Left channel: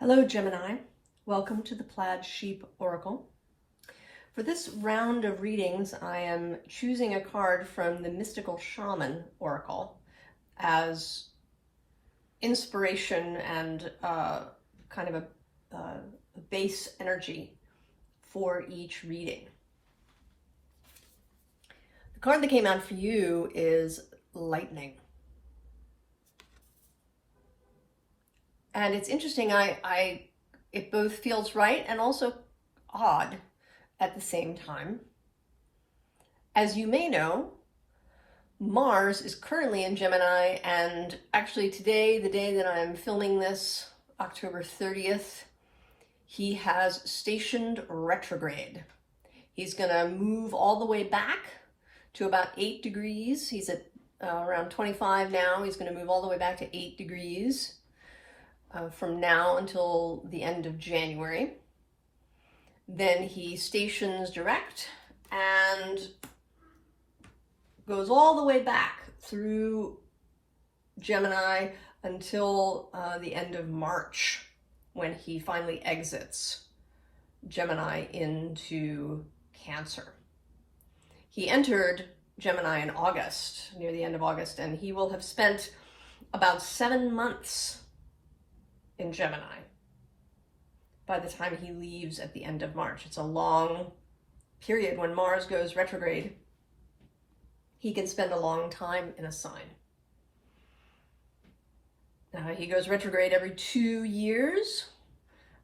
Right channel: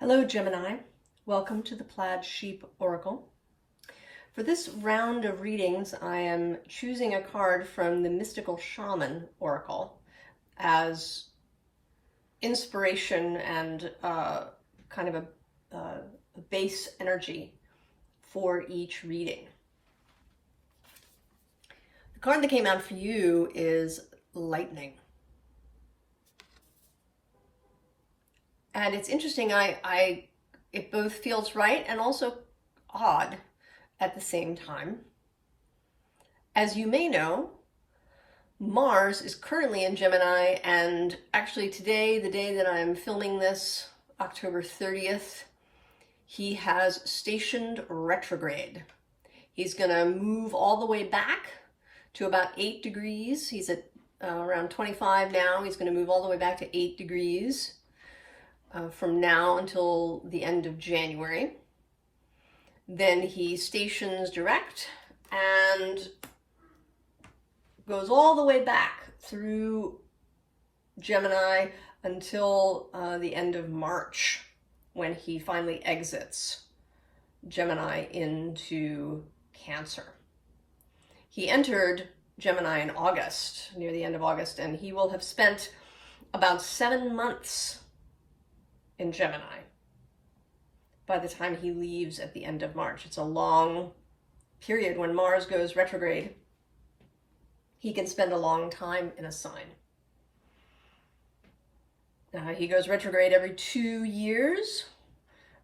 Hello Gemini, welcome to the Plaid Sheep Oracle. For this round of readings, I am choosing a card from the Mystical Shaman Oracle as inspiration and kind of a base energy for each reading. The card that came out for you is Lightning. And it's interesting, it both feels right and also odd at the same time. As you may know, Mars is currently in Gemini, and actually today, the day that I'm filming this, October 30th, he has stationed retrograde. He's gonna move all the way back to about 8 degrees. He's at around 25 now. He's gonna move all the way back to 8 degrees. From now until the end of January. Then he stations direct and goes all the way back through Gemini until the end of March, when he finally exits Gemini into Cancer. He entered Gemini in August, near the end of August, and he will have spent about 7 months in Gemini by the time he leaves at the end of March. It's a long period. When Mars goes retrograde, he can spend a long time in a sign. He goes retrograde every 2 years,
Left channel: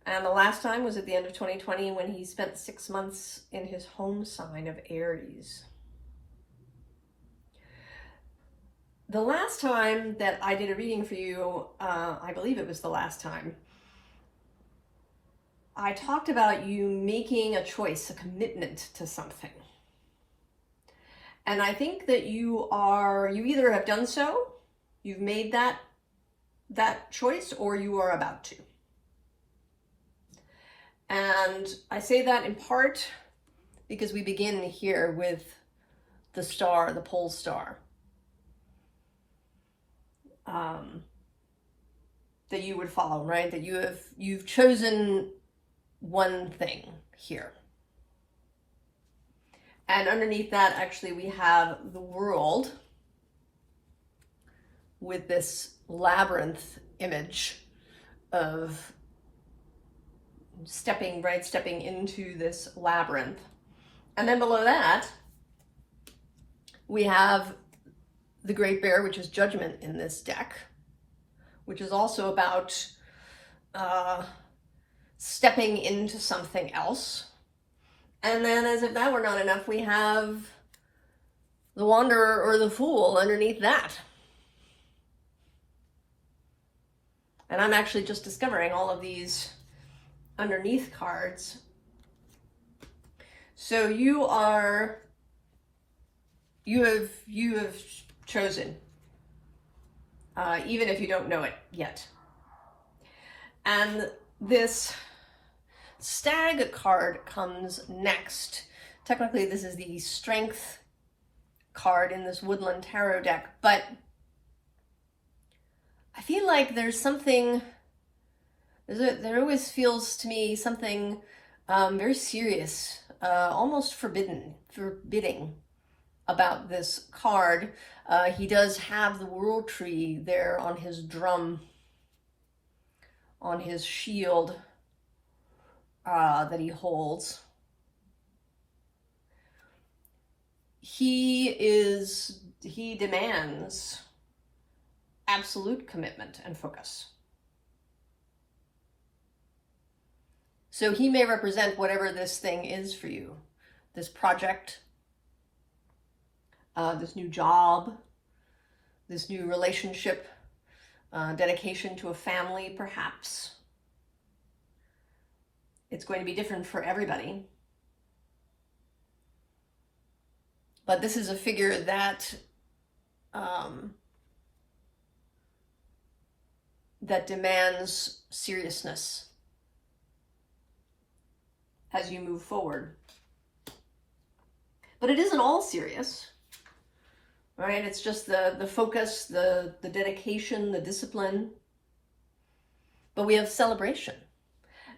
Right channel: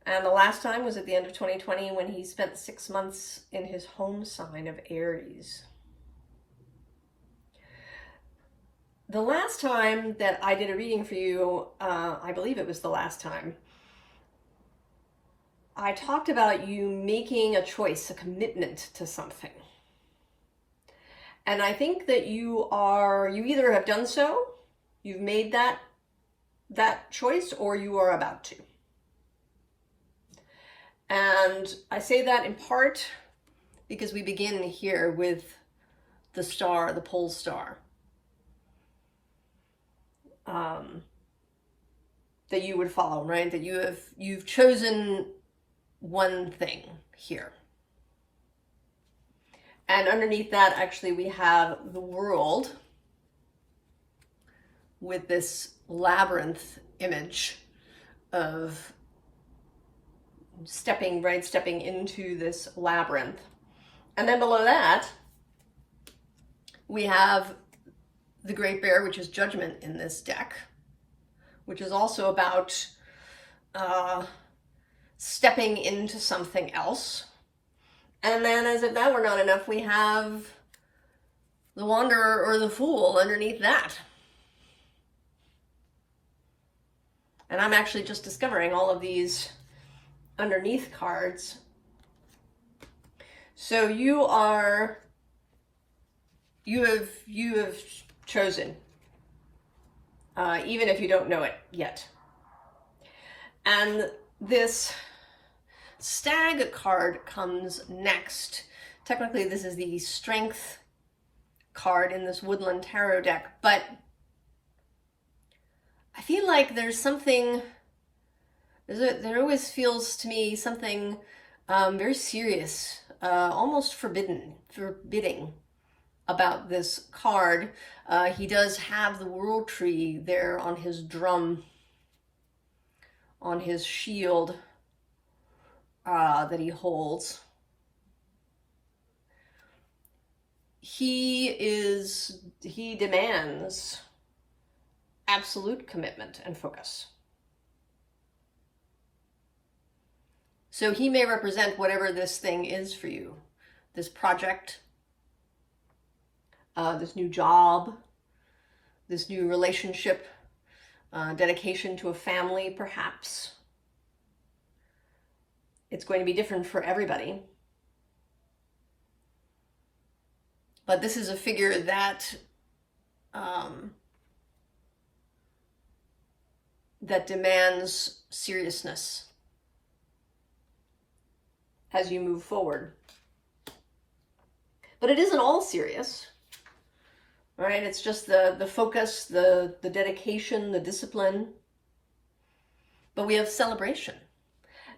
and the last time was at the end of 2020 when he spent 6 months in his home sign of Aries. The last time that I did a reading for you, I believe it was the last time, I talked about you making a choice, a commitment to something. And I think that you either have done so, you've made that choice, or you are about to. And I say that in part because we begin here with the star, the pole star. That you would follow, right? That you've chosen one thing here. And underneath that, actually, we have the world with this labyrinth image of stepping into this labyrinth. And then below that, we have the Great Bear, which is Judgment in this deck, which is also about stepping into something else. And then, as if that were not enough, we have the Wanderer or the Fool underneath that. And I'm actually just discovering all of these underneath cards. So you have chosen, even if you don't know it yet. And this Stag card comes next. Technically, this is the Strength card in this Woodland Tarot deck, but I feel like there's something, there always feels to me something very serious, almost forbidding about this card. He does have the World Tree there on his drum, on his shield that he holds. He demands absolute commitment and focus. So he may represent whatever this thing is for you, this project, this new job, this new relationship, dedication to a family, perhaps. It's going to be different for everybody. But this is a figure that that demands seriousness as you move forward. But it isn't all serious. right? It's just the focus, the dedication, the discipline. but we have celebration.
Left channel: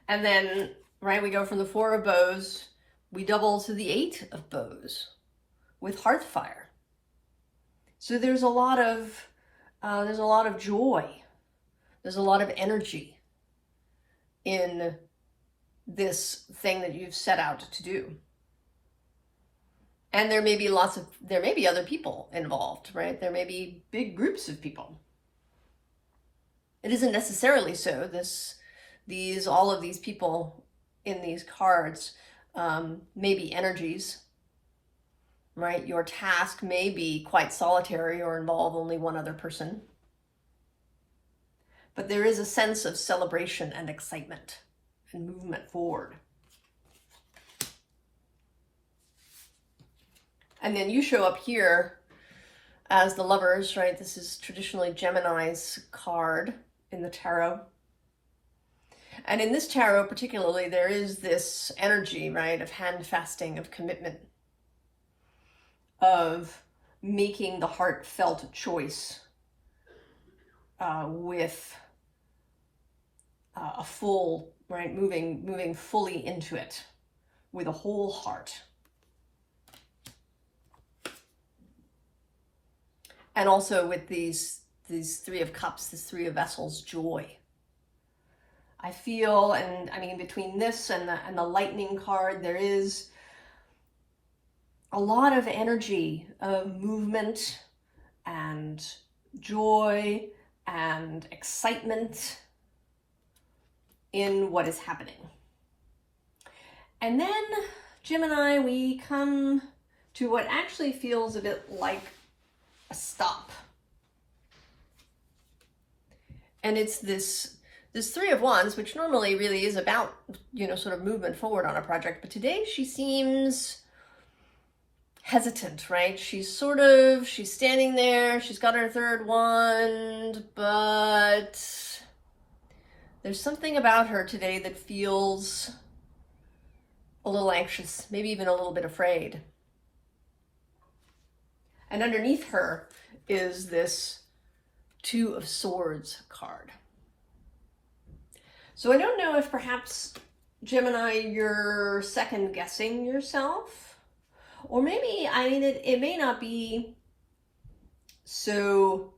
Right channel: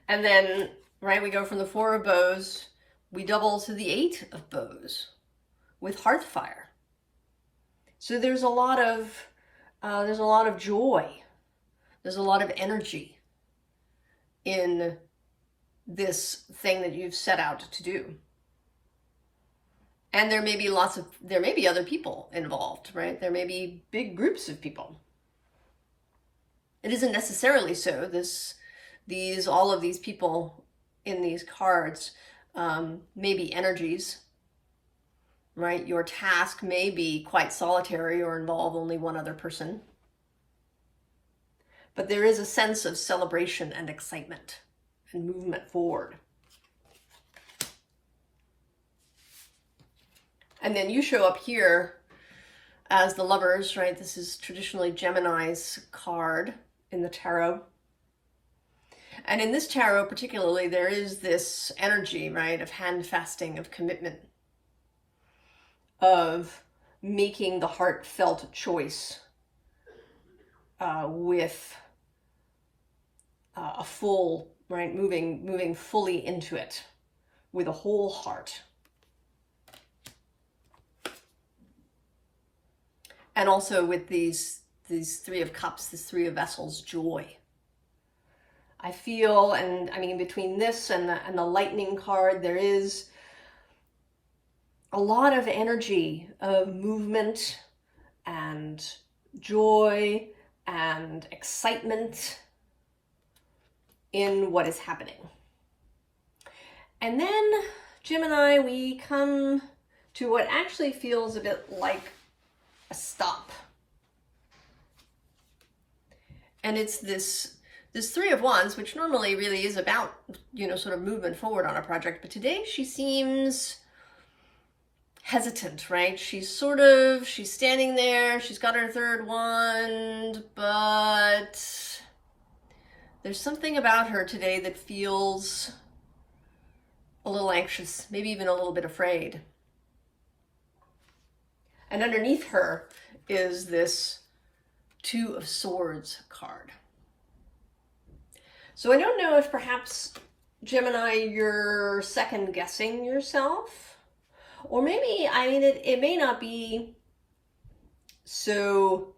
And then, right, we go from the 4 of bows, we double to the 8 of bows with Hearthfire. So there's a lot of joy. There's a lot of energy in this thing that you've set out to do. And there may be other people involved, right? There may be big groups of people. It isn't necessarily so. All of these people in these cards may be energies, right? Your task may be quite solitary or involve only one other person. But there is a sense of celebration and excitement and movement forward. And then you show up here as the Lovers, right? This is traditionally Gemini's card in the tarot. And in this tarot particularly, there is this energy, right, of handfasting, of commitment, of making the heartfelt choice with a full, right, moving fully into it with a whole heart. And also with these 3 of Cups, this 3 of Vessels, joy. I feel, and I mean, between this and the Lightning card, there is a lot of energy of movement and joy and excitement in what is happening. And then, Gemini, we come to what actually feels a bit like a stop. And it's this 3 of Wands, which normally really is about, sort of movement forward on a project. But today she seems hesitant, right? She's standing there. She's got her 3rd wand, but there's something about her today that feels a little anxious, maybe even a little bit afraid. And underneath her is this 2 of Swords card. So I don't know if perhaps, Gemini, you're second guessing yourself, or maybe, it may not be so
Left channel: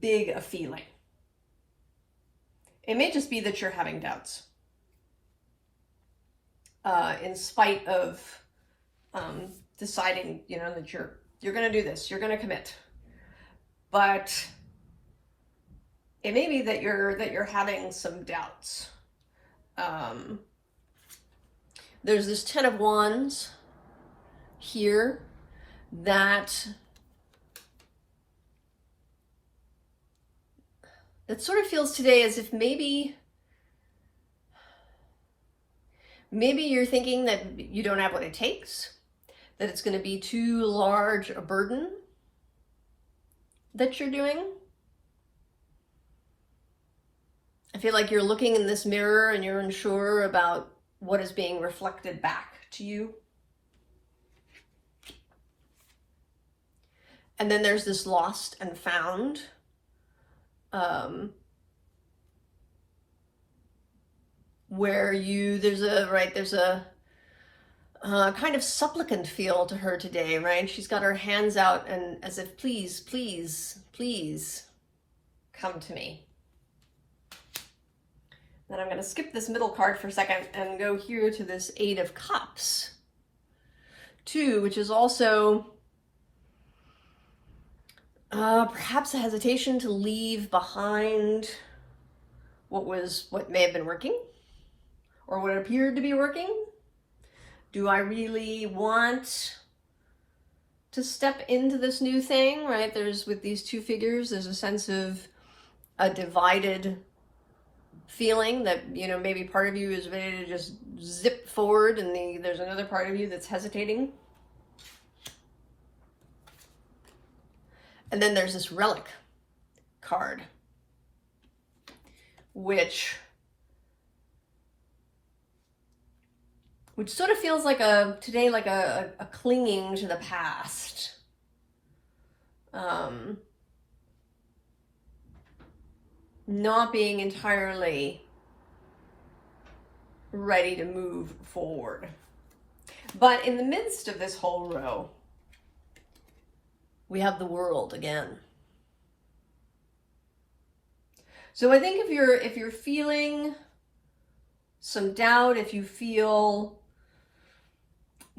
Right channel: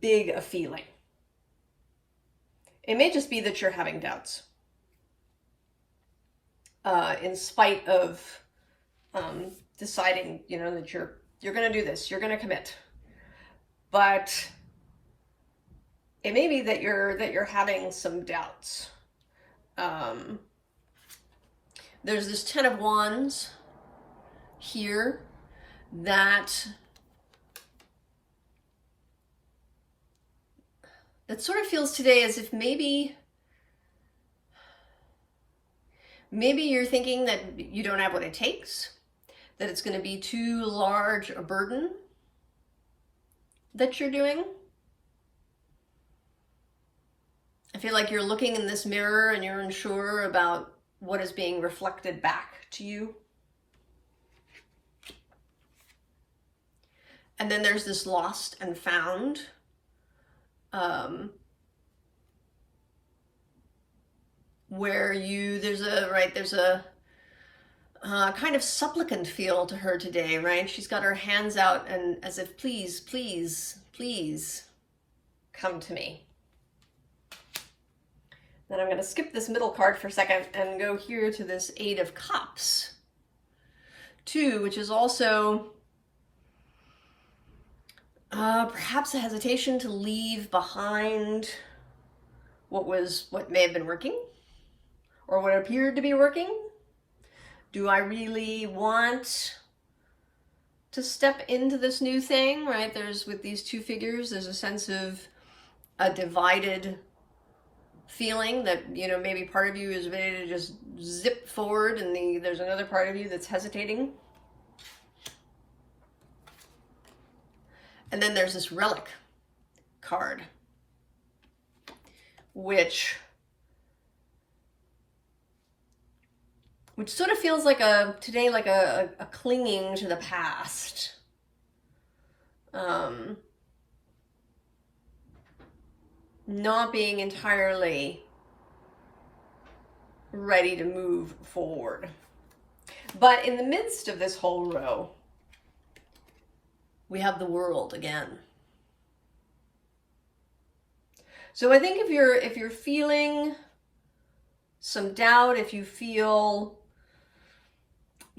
big a feeling. It may just be that you're having doubts, in spite of deciding, that you're going to do this, you're going to commit. But it may be that you're having some doubts. There's this 10 of Wands here that sort of feels today as if maybe you're thinking that you don't have what it takes, that it's going to be too large a burden that you're doing. I feel like you're looking in this mirror and you're unsure about what is being reflected back to you. And then there's this lost and found. Where there's a kind of supplicant feel to her today, right? She's got her hands out and as if, please, please, please come to me. Then I'm going to skip this middle card for a second and go here to this 8 of Cups, too, which is also perhaps a hesitation to leave behind what may have been working or what appeared to be working. Do I really want to step into this new thing, right? With these 2 figures, there's a sense of a divided feeling that, maybe part of you is ready to just zip forward and there's another part of you that's hesitating. And then there's this Relic card, which sort of feels like a clinging to the past. not being entirely ready to move forward. But in the midst of this whole row, we have the World again. So I think if you're feeling some doubt, if you feel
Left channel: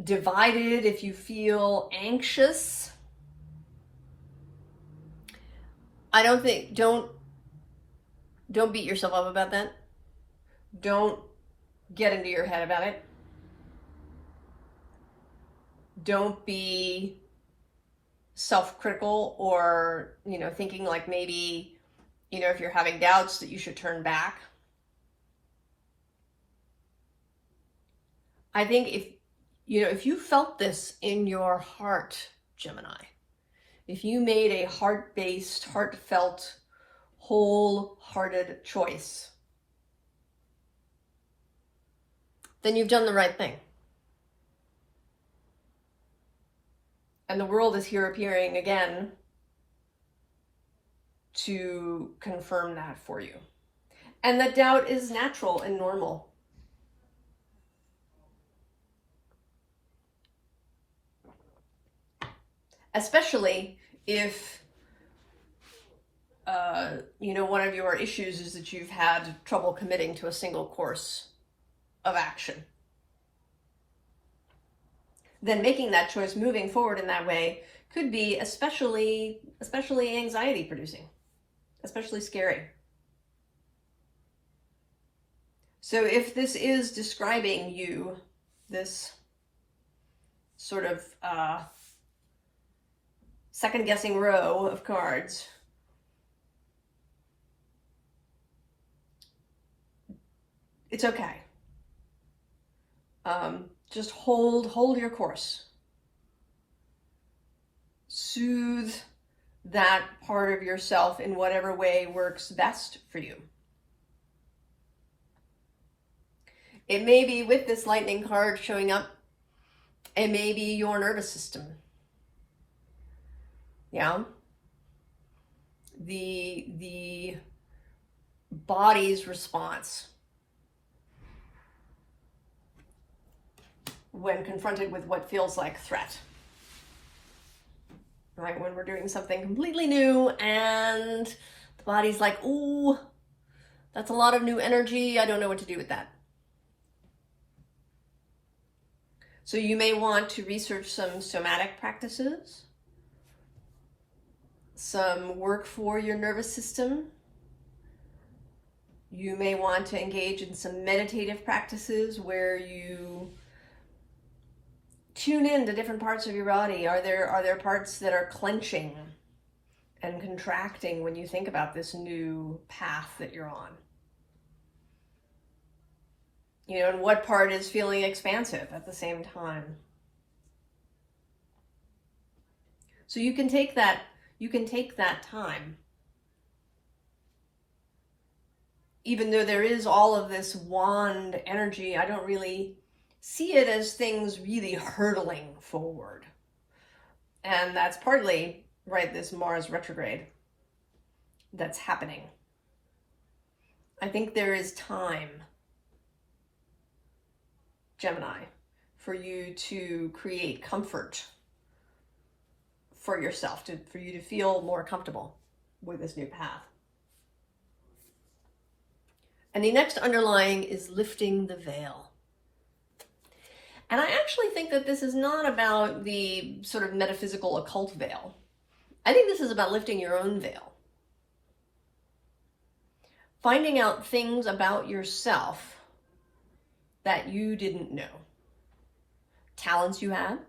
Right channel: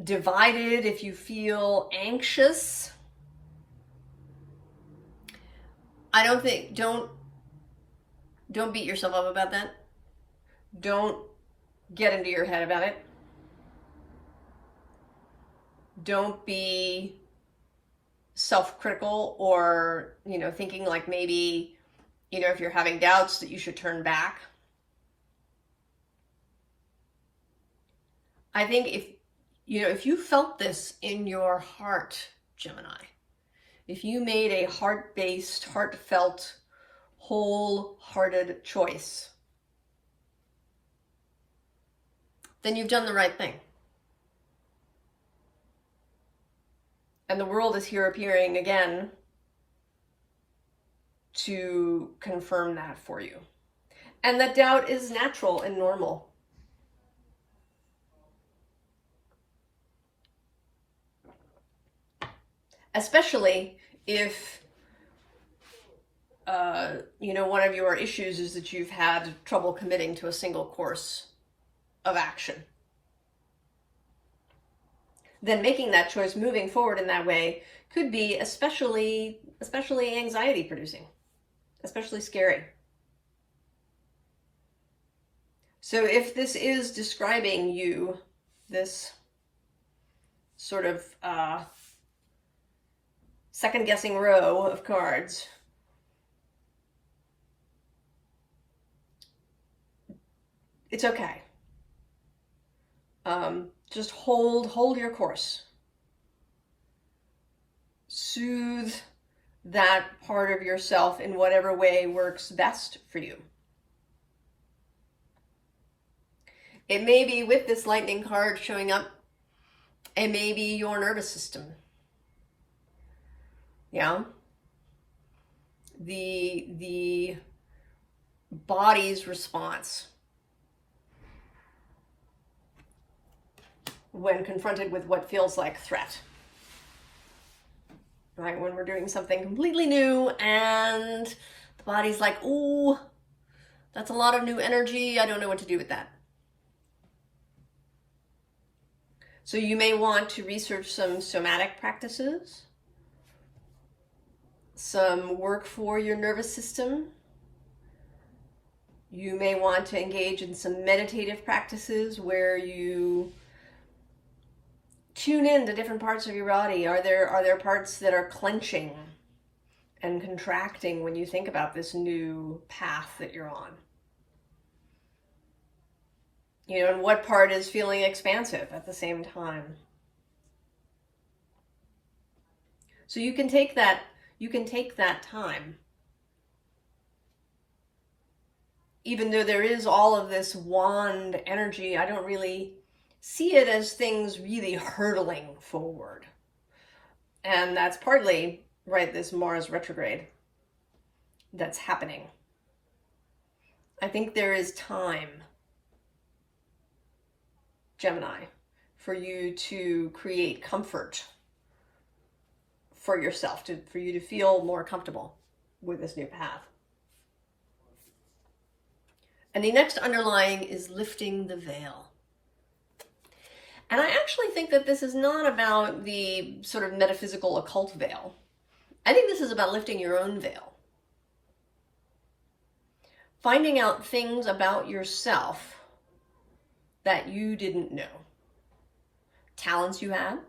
divided, if you feel anxious, don't beat yourself up about that. Don't get into your head about it. Don't be self-critical or, thinking like maybe, if you're having doubts that you should turn back. I think if you felt this in your heart, Gemini, if you made a heart-based, heartfelt, wholehearted choice, then you've done the right thing. And the World is here appearing again to confirm that for you. And that doubt is natural and normal. Especially if, one of your issues is that you've had trouble committing to a single course of action. Then making that choice, moving forward in that way, could be especially anxiety producing, especially scary. So if this is describing you, this sort of second-guessing row of cards, it's okay. Just hold your course. Soothe that part of yourself in whatever way works best for you. It may be, with this lightning card showing up, it may be your nervous system. Yeah? The body's response when confronted with what feels like threat. Right? When we're doing something completely new and the body's like, ooh, that's a lot of new energy. I don't know what to do with that. So you may want to research some somatic practices, some work for your nervous system. You may want to engage in some meditative practices where you tune in to different parts of your body. Are there parts that are clenching and contracting when you think about this new path that you're on? And what part is feeling expansive at the same time? So you can take that time. Even though there is all of this wand energy, I don't really see it as things really hurtling forward. And that's partly, right, this Mars retrograde that's happening. I think there is time, Gemini, for you to create comfort for yourself, for you to feel more comfortable with this new path. And the next underlying is lifting the veil. And I actually think that this is not about the sort of metaphysical occult veil. I think this is about lifting your own veil. Finding out things about yourself that you didn't know. Talents you have,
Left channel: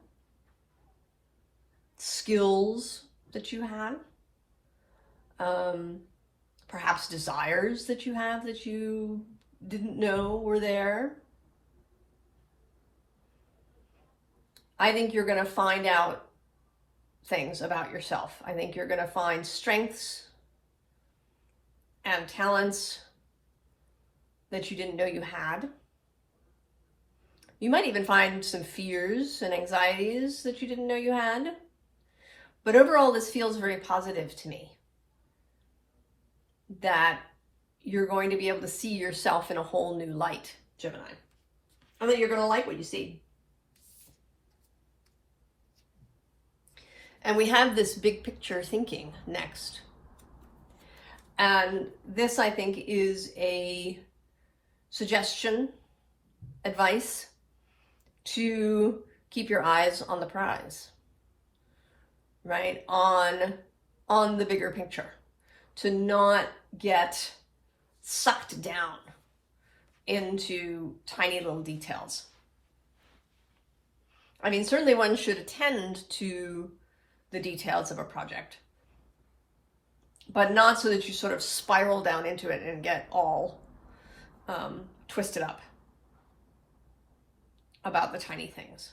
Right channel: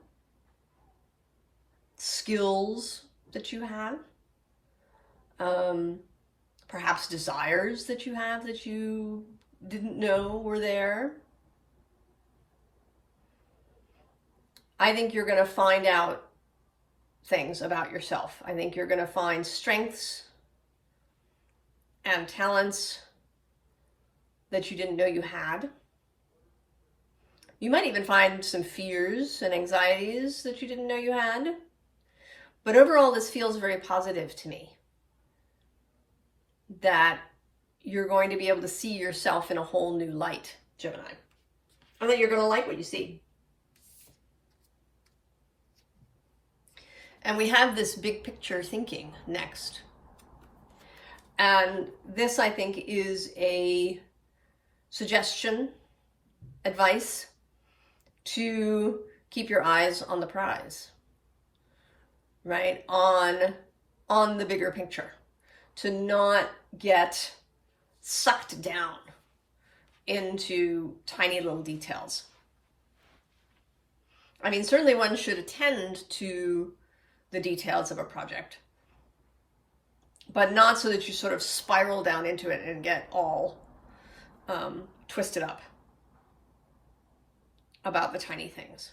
skills that you have, perhaps desires that you have that you didn't know were there. I think you're going to find out things about yourself. I think you're going to find strengths and talents that you didn't know you had. You might even find some fears and anxieties that you didn't know you had. But overall, this feels very positive to me. That you're going to be able to see yourself in a whole new light, Gemini. And that you're going to like what you see. And we have this big picture thinking next. And this, I think, is a suggestion, advice to keep your eyes on the prize, right? On the bigger picture, to not get sucked down into tiny little details. I mean, certainly one should attend to the details of a project, but not so that you sort of spiral down into it and get all twisted up about the tiny things.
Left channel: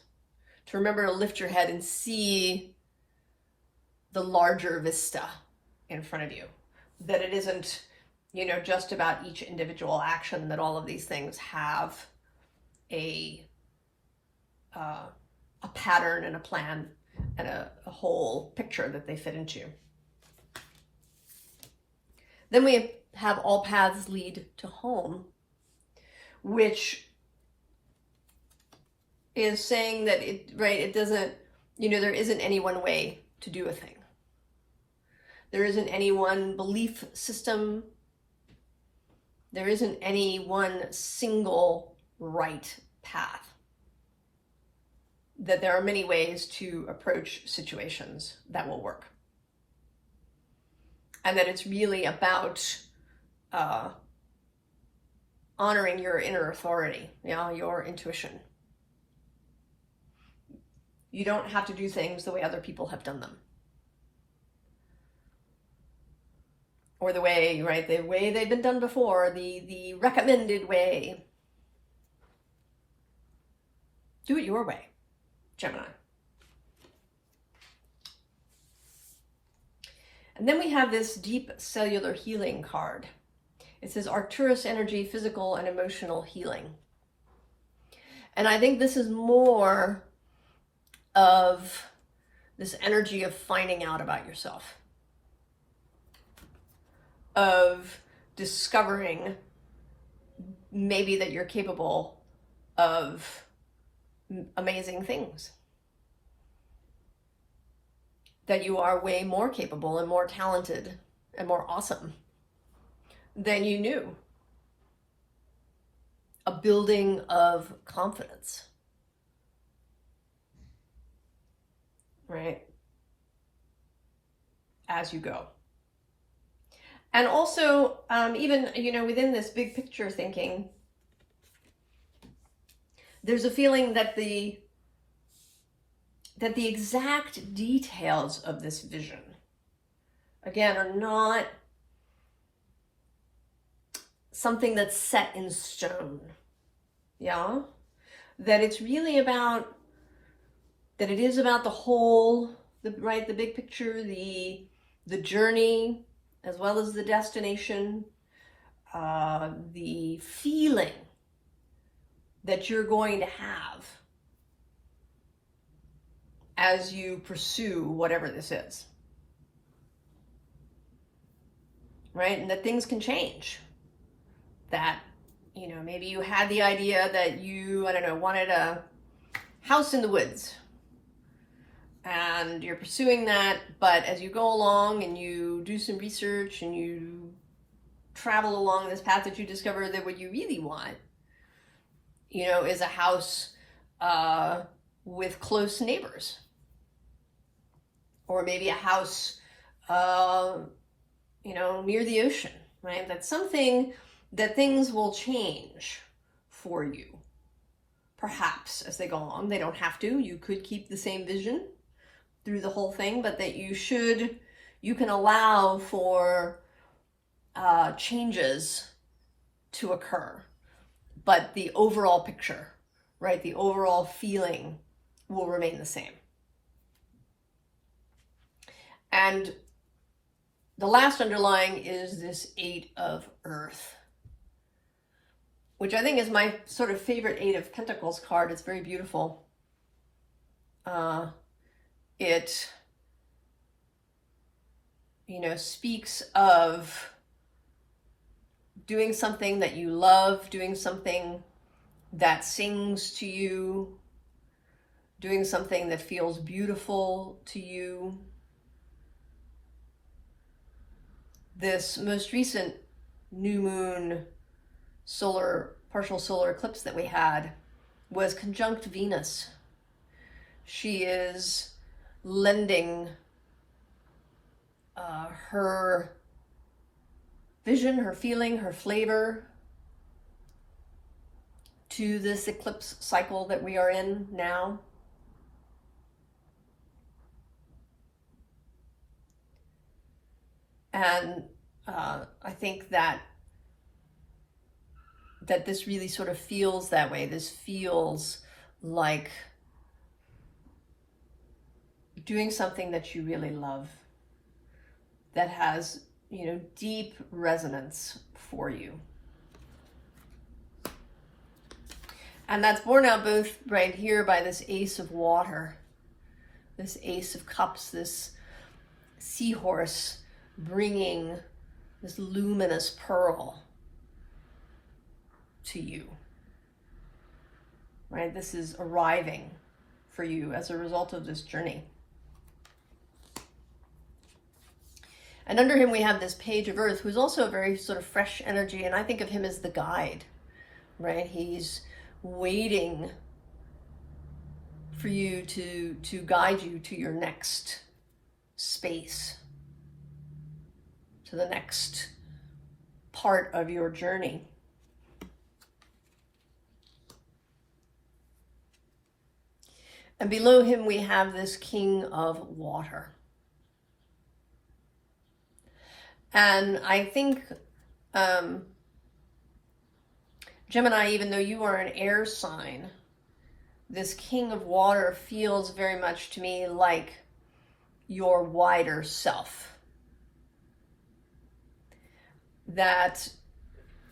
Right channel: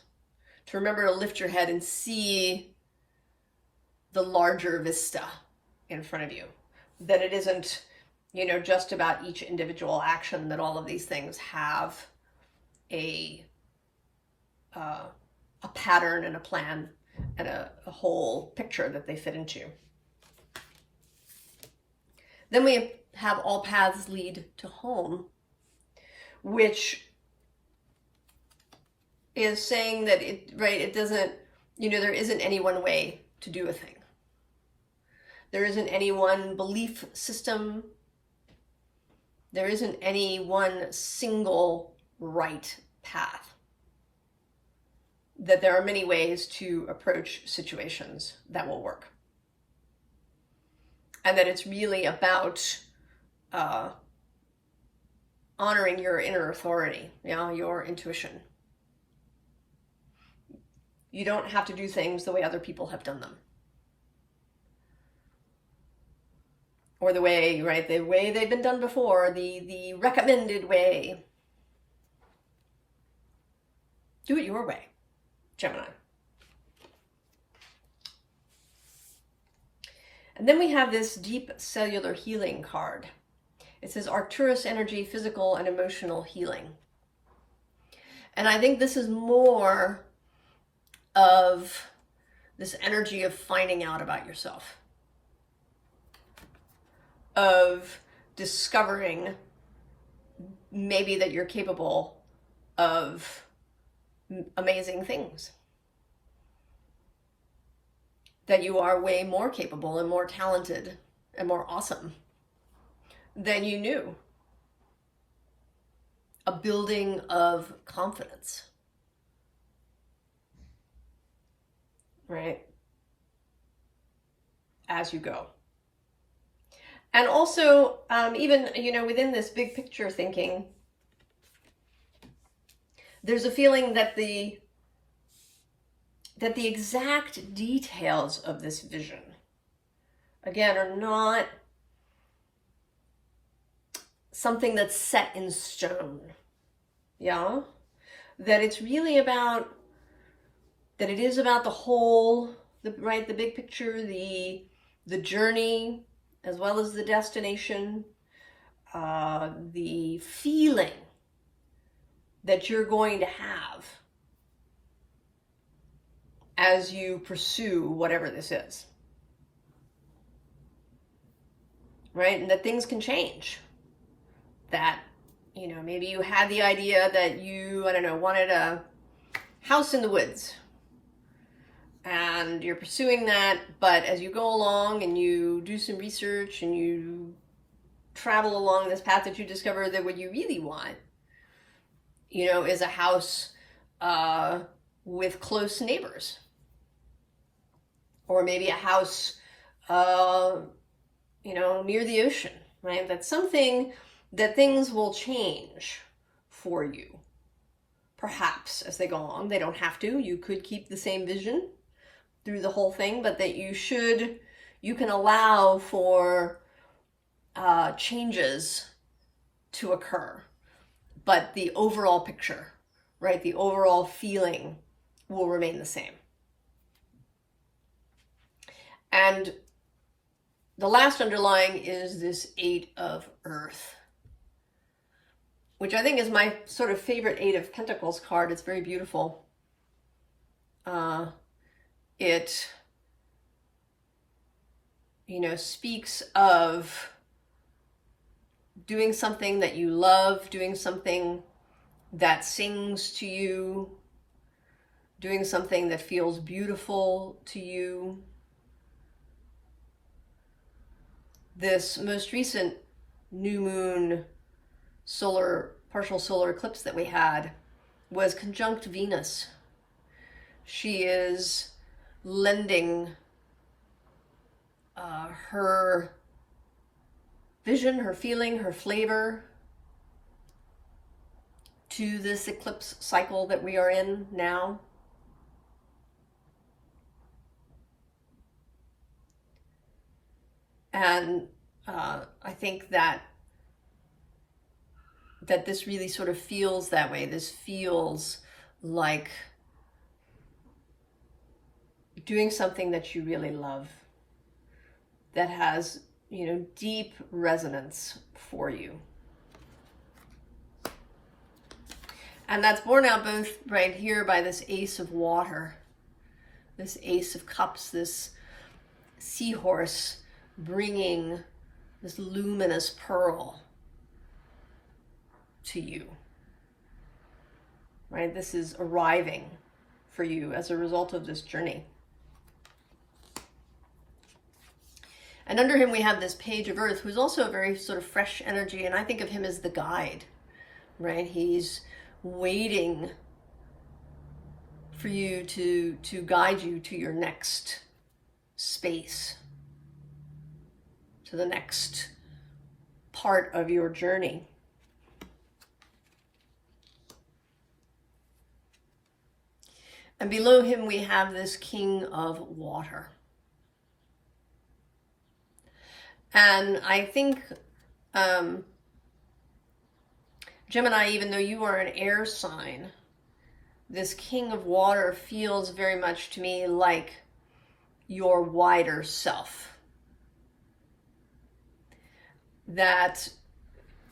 To remember to lift your head and see the larger vista in front of you. That it isn't, you know, just about each individual action, that all of these things have a pattern and a plan and a whole picture that they fit into. Then we have all paths lead to home, which is saying that it doesn't, you know, there isn't any one way to do a thing. There isn't any one belief system. There isn't any one single right path. That there are many ways to approach situations that will work. And that it's really about honoring your inner authority, you know, your intuition. You don't have to do things the way other people have done them. Or the way, right, the way they've been done before, the recommended way. Do it your way, Gemini. And then we have this deep cellular healing card. It says Arcturus energy, physical and emotional healing. And I think this is more of this energy of finding out about yourself, of discovering maybe that you're capable of amazing things, that you are way more capable and more talented and more awesome than you knew. A building of confidence, right? As you go. And also, even, you know, within this big picture thinking, there's a feeling that the exact details of this vision, again, are not something that's set in stone. Yeah? That it's really about, that it is about the whole, the big picture, the journey, as well as the destination, the feeling that you're going to have as you pursue whatever this is. Right? And that things can change. That, you know, maybe you had the idea that you, I don't know, wanted a house in the woods. And you're pursuing that, but as you go along and you do some research and you travel along this path, that you discover that what you really want, you know, is a house with close neighbors. Or maybe a house, you know, near the ocean, right? That's something that things will change for you. Perhaps as they go along. They don't have to. You could keep the same vision through the whole thing, but that you can allow for changes to occur. But the overall picture, right, the overall feeling will remain the same. And the last underlying is this 8 of Earth, which I think is my sort of favorite 8 of Pentacles card. It's very beautiful. It, you know, speaks of doing something that you love, doing something that sings to you, doing something that feels beautiful to you. This most recent new moon partial solar eclipse that we had was conjunct Venus. She is lending her vision, her feeling, her flavor to this eclipse cycle that we are in now. And I think that this really sort of feels that way. This feels like doing something that you really love, that has, you know, deep resonance for you. And that's borne out both right here by this Ace of Water, this Ace of Cups, this seahorse bringing this luminous pearl to you, right? This is arriving for you as a result of this journey. And under him we have this Page of Earth, who's also a very sort of fresh energy, and I think of him as the guide, right? He's waiting for you to guide you to your next space, to the next part of your journey. And below him we have this King of Water. And I think, Gemini, even though you are an air sign, this King of Water feels very much to me like your wider self. That,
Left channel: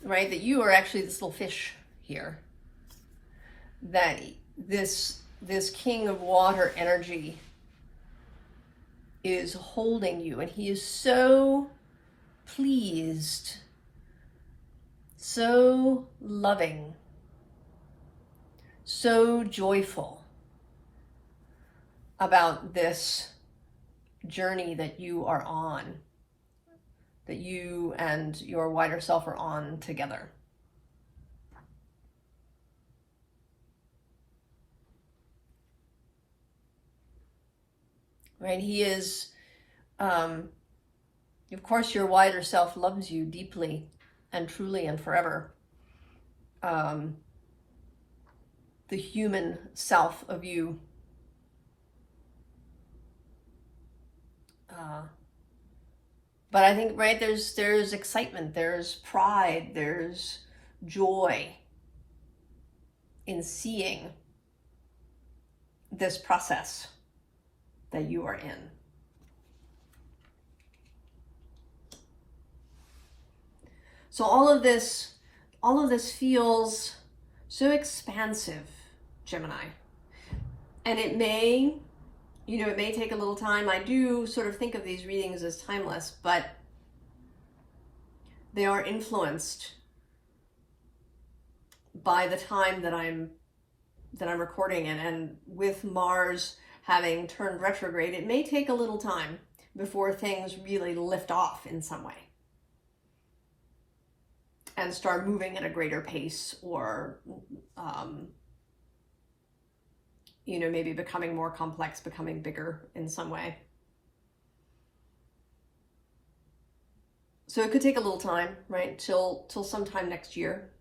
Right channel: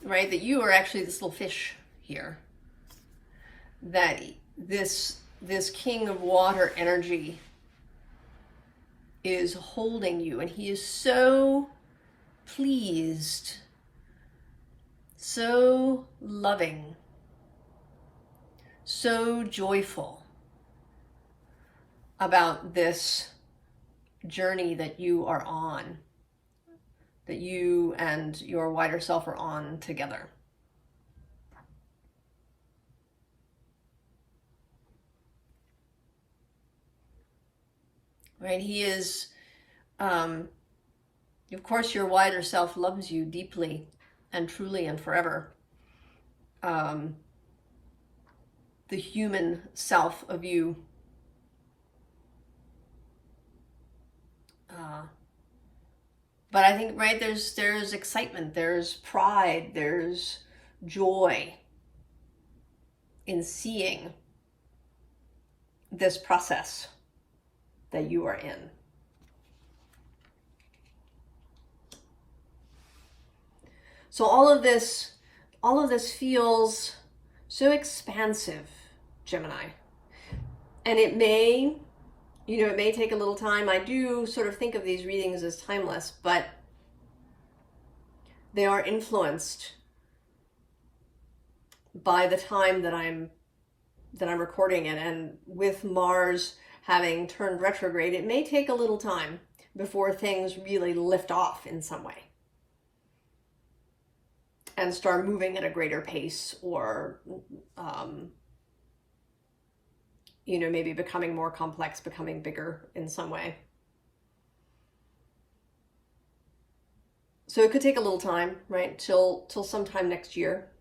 right, that you are actually this little fish here. That this King of Water energy is holding you, and he is so pleased, so loving, so joyful about this journey that you are on, that you and your wider self are on together. Right? He is, of course, your wider self loves you deeply and truly and forever. The human self of you. But I think, right, there's excitement, there's pride, there's joy in seeing this process that you are in. So all of this feels so expansive, Gemini. And it may take a little time. I do sort of think of these readings as timeless, but they are influenced by the time that I'm recording it. And with Mars having turned retrograde, it may take a little time before things really lift off in some way and start moving at a greater pace, or maybe becoming more complex, becoming bigger in some way. So it could take a little time, right, till sometime next year.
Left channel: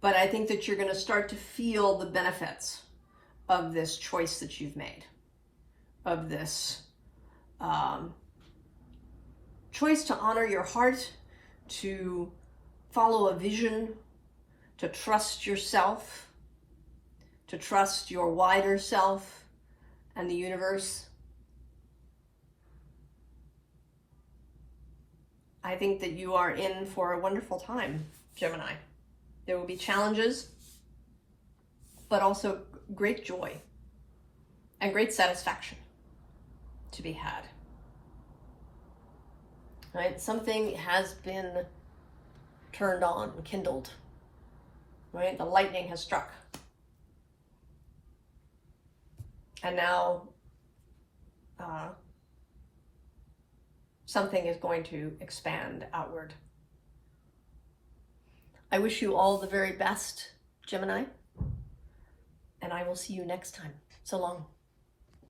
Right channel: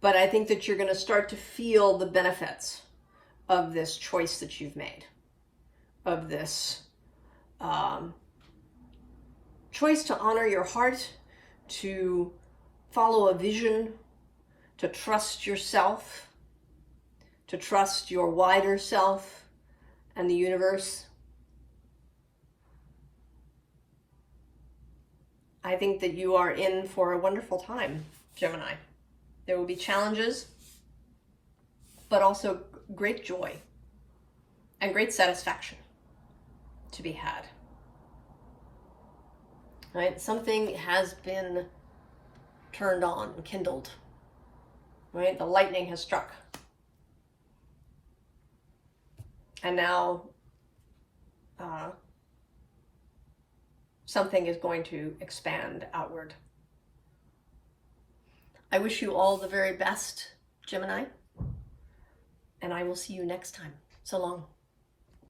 But I think that you're going to start to feel the benefits of this choice that you've made, of this choice to honor your heart, to follow a vision, to trust yourself, to trust your wider self and the universe. I think that you are in for a wonderful time, Gemini. There will be challenges, but also great joy and great satisfaction to be had. right? Something has been turned on, kindled, right? The lightning has struck. And now something is going to expand outward. I wish you all the very best, Gemini, and I will see you next time. So long.